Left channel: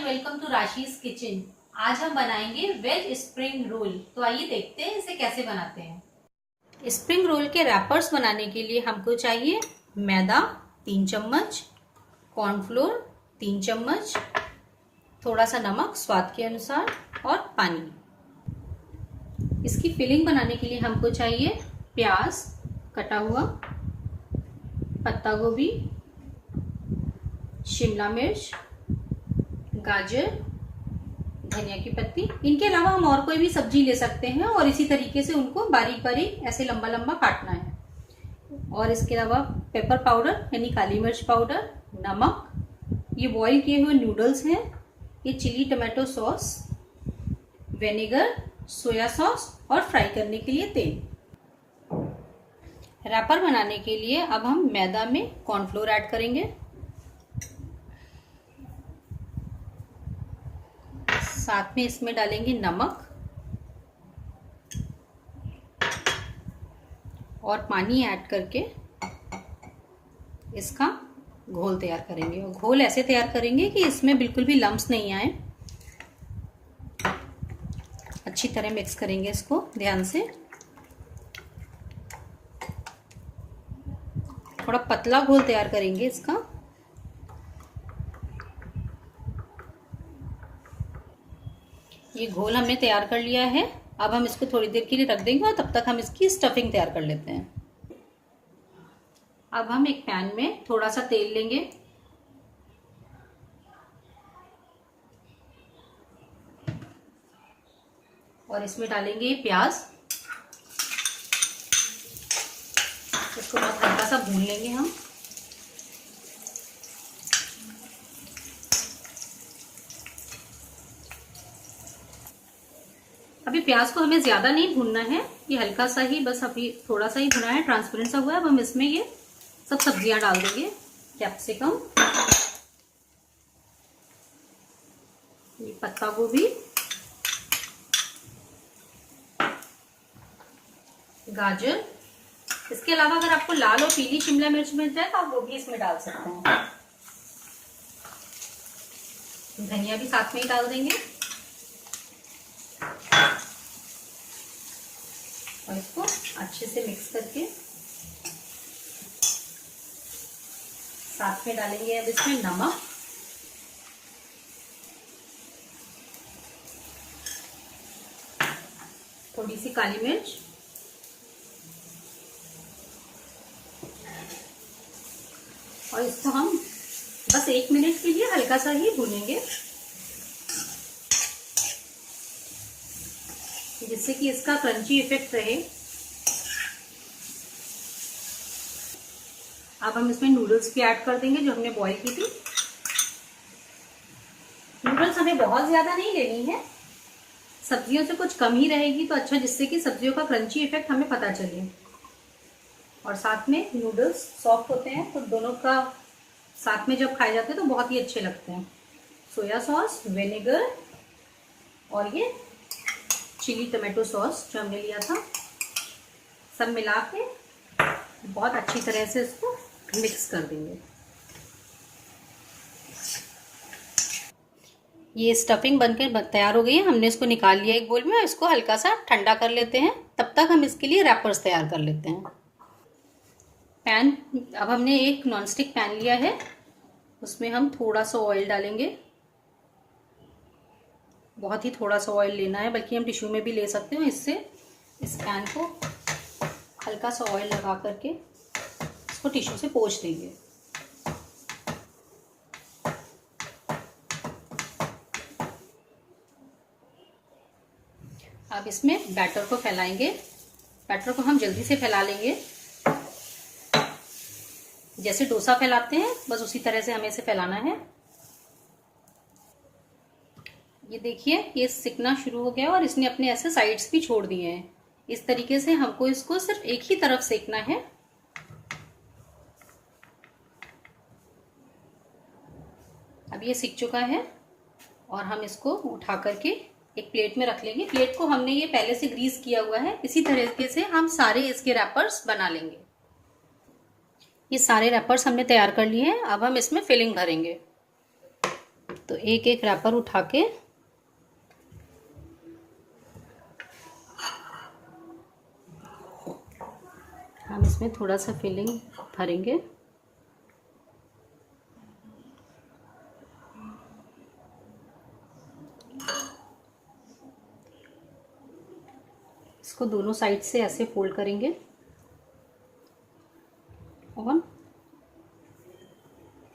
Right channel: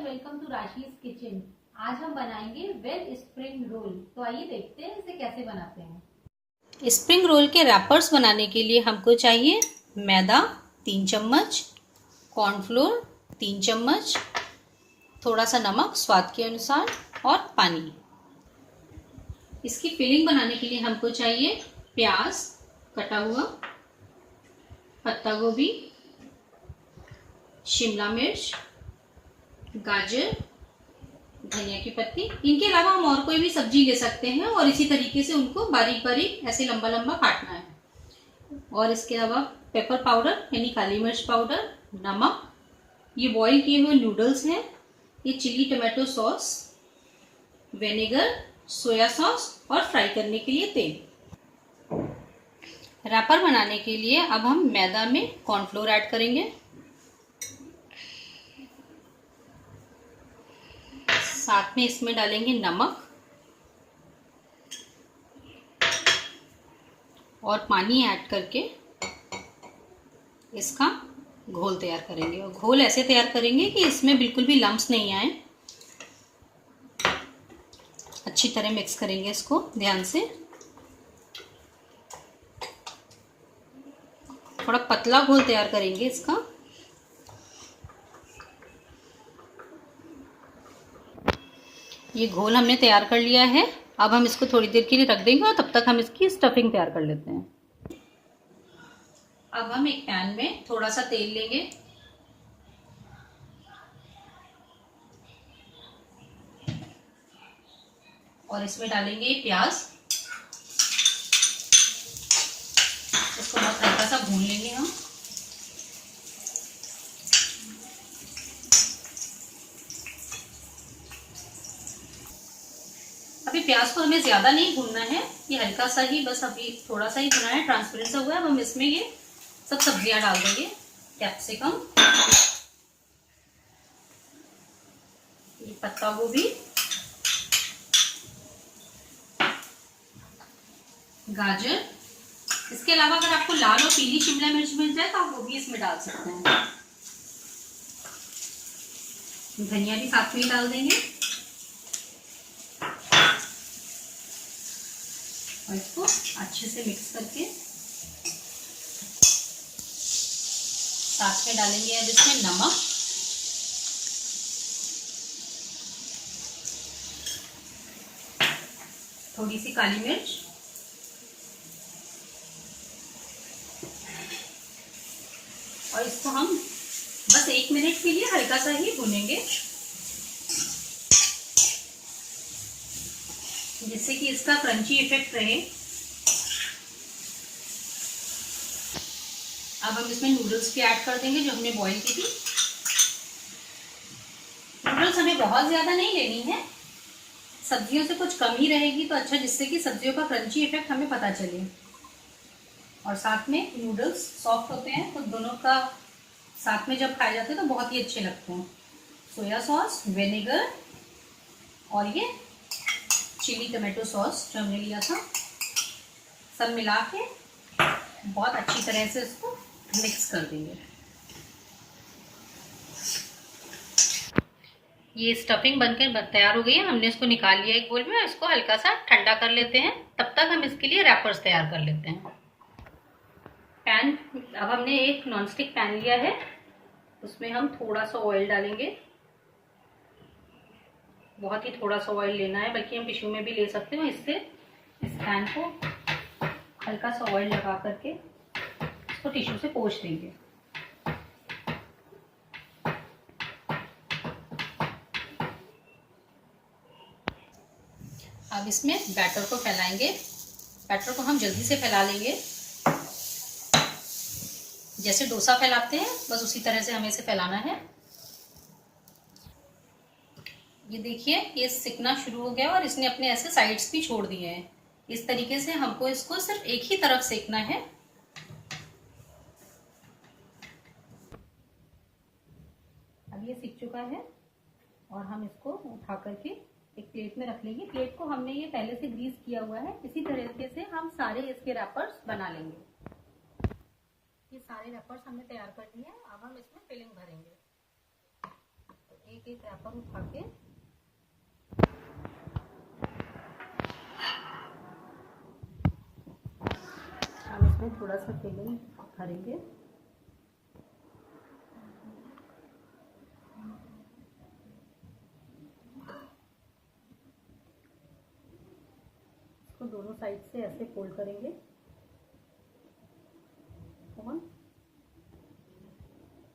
And welcome to Rashi's kitchen. आज हम बनाएंगे वेज स्प्रिंग रोल। तो आइए देखते हैं इसे कैसे बनाते हैं। स्प्रिंग रोल के रैपर्स बनाने के लिए हमको चाहिए मैदा 3 चम्मच, कॉर्नफ्लोर 3 चम्मच, थोड़ा सा नमक स्वाद के अनुसार और पानी। इसकी फिलिंग बनाने के लिए हमको चाहिए प्याज कटा हुआ, पत्ता गोभी, शिमला मिर्च, गाजर, धनिया की पत्ती। इनके अलावा हम और कोई भी सब्जी ले सकते हैं और इसी तरीके से उनको बारीक बारीक ऐसे लंबा लंबा काटना है। और इसके अलावा पेपर पाउडर यानी काली मिर्च पाउडर, नमक, ये बॉईल किए हुए नूडल्स हैं, ये chilli tomato sauce, vinegar, soya sauce और फ्राई करने के लिए तेल। रैपर बनाने के लिए अब हम मैदा में कॉर्नफ्लोर ऐड करेंगे, साथ में इसमें डालेंगे नमक और पानी ऐड करके इसका घोल तैयार करेंगे। और घोल ऐसे तैयार करेंगे कि इसमें बिल्कुल भी लम्प्स नहीं आए। अच्छी तरह मिक्स करेंगे इसको ध्यान से। थोड़ा पतला घोल तैयार करेंगे इसका। ये घोल हमने तैयार कर लिया है। अब हम इसको थोड़ी देर के लिए रख देंगे और तब तक हम इसकी स्टफिंग तैयार कर लेते हैं। अब हम एक पैन में थोड़ा सा तेल लेंगे, और इसमें डालेंगे प्याज। इसको बहुत हल्का सा भून लेंगे हम। अभी प्याज को हमें ज्यादा नहीं भूनना है, ये हल्का सा ही, बस अभी थोड़ा सा ही भुना है, ट्रांसपेरेंट सा हुआ है। अब हम इसमें ये सब सब्जियां डाल देंगे। कैप्सिकम, ये पत्ता गोभी, गाजर। इसके अलावा अगर आपको लाल और पीली शिमला मिर्च मिल जाए तो आप वो भी इसमें डाल सकते हैं। धनिया भी साथ में ही डाल देंगे और इसको अच्छे से मिक्स करके साथ में डालेंगे अब इसमें नमक, थोड़ी सी काली मिर्च और इसको हम बस 1 मिनट के लिए हल्का सा ही भूनेंगे, जिससे कि इसका क्रंची इफेक्ट रहे। अब हम इसमें नूडल्स भी ऐड कर देंगे जो हमने बॉईल की थी। नूडल्स हमें बहुत ज्यादा नहीं लेनी है, सब्जियों से कुछ कम ही रहेगी तो अच्छा, जिससे कि सब्जियों का क्रंची इफेक्ट हमें पता चले। और साथ में नूडल्स सॉफ्ट होते हैं तो दोनों का साथ में जब खाए जाते हैं तो बहुत ही अच्छे लगते हैं। सोया सॉस, विनेगर और ये चिली टमाटो सॉस जो हमने लिया था, सब मिला के बहुत अच्छी तरह से इसको मिक्स कर देंगे। ये स्टफिंग बनकर तैयार हो गई है। हमने इसको निकाल लिया एक बोल में। इसको हल्का सा ठंडा कर लेते हैं, तब तक हम इसके लिए रैपर्स तैयार कर लेते हैं। पैन, अब हमने एक नॉनस्टिक पैन लिया है, उसमें हम थोड़ा सा ऑयल डालेंगे। बहुत ही थोड़ा सा ऑयल लेना है, बल्कि हम टिश्यू में भी ले सकते हो। इससे इस पैन को हल्का सा ऑयल लगा करके इसको टिश्यू से पोंछ देंगे। अब इसमें बैटर को फैलाएंगे। बैटर को हम जल्दी से फैला लेंगे, जैसे डोसा फैलाते हैं बस उसी तरह से हमें इसे फैलाना है। ये देखिए ये सिकना शुरू हो गया और इसने अपने ऐसे साइड्स भी छोड़ दिए हैं। इस तरीके से हमको इसको सिर्फ एक ही तरफ सेकना है। अब ये सिक चुका है और हम इसको उठा करके एक प्लेट में रख लेंगे। प्लेट को हमने ये पहले से ग्रीस किया हुआ है। इसी तरीके से हम सारे इसके रैपर्स बना लेंगे। ये सारे रैपर्स हमने तैयार कर लिए हैं। अब हम इसमें फिलिंग भरेंगे। तो तो एक एक रैपर उठा के हम इसमें थोड़ा सा फिलिंग भरेंगे। इसको दोनों साइड से ऐसे फोल्ड करेंगे और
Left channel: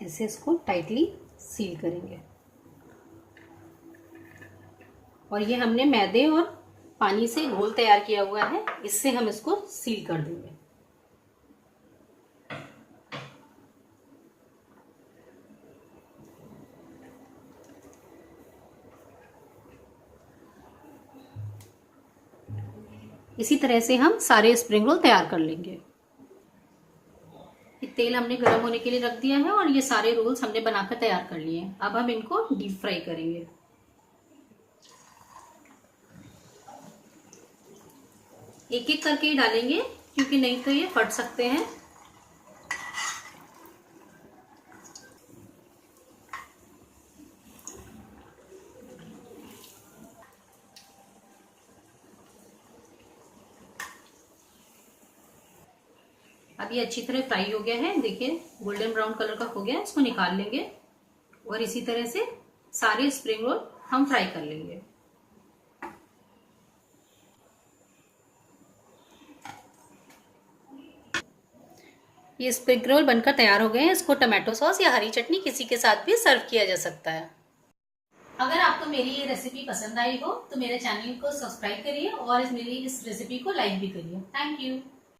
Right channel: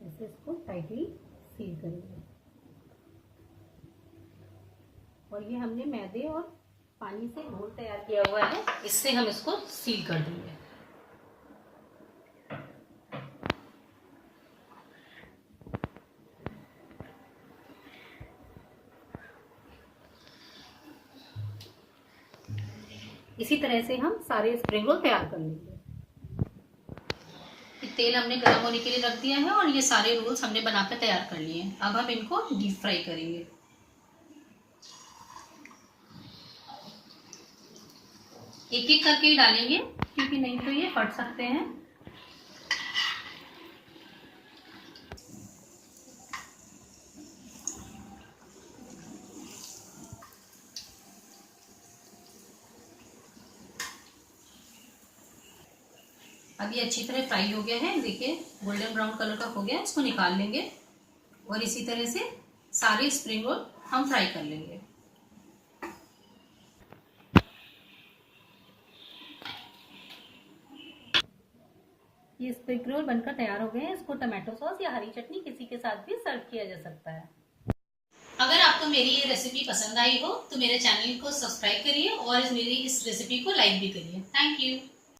ऐसे इसको टाइटली सील करेंगे। और ये हमने मैदे और पानी से घोल तैयार किया हुआ है, इससे हम इसको सील कर देंगे। इसी तरह से हम सारे स्प्रिंग रोल तैयार कर लेंगे। तेल हमने गर्म होने के लिए रख दिया है और ये सारे रोल्स हमने बनाकर तैयार कर लिए हैं। अब हम इनको डीप फ्राई करेंगे। एक एक करके ही डालेंगे क्योंकि नहीं तो ये फट सकते हैं। अब ये अच्छी तरह फ्राई हो गया है, देखिए गोल्डन ब्राउन कलर का हो गया। इसको निकाल लेंगे और इसी तरह से सारे स्प्रिंग रोल हम फ्राई कर लेंगे। ये स्प्रिंग रोल बनकर तैयार हो गए हैं। इसको टमाटो सॉस या हरी चटनी किसी के साथ भी सर्व किया जा सकता है। अगर आपको मेरी ये रेसिपी पसंद आई हो तो मेरे चैनल को सब्सक्राइब करिए और मेरी इस रेसिपी को लाइक भी करिए। Thank you.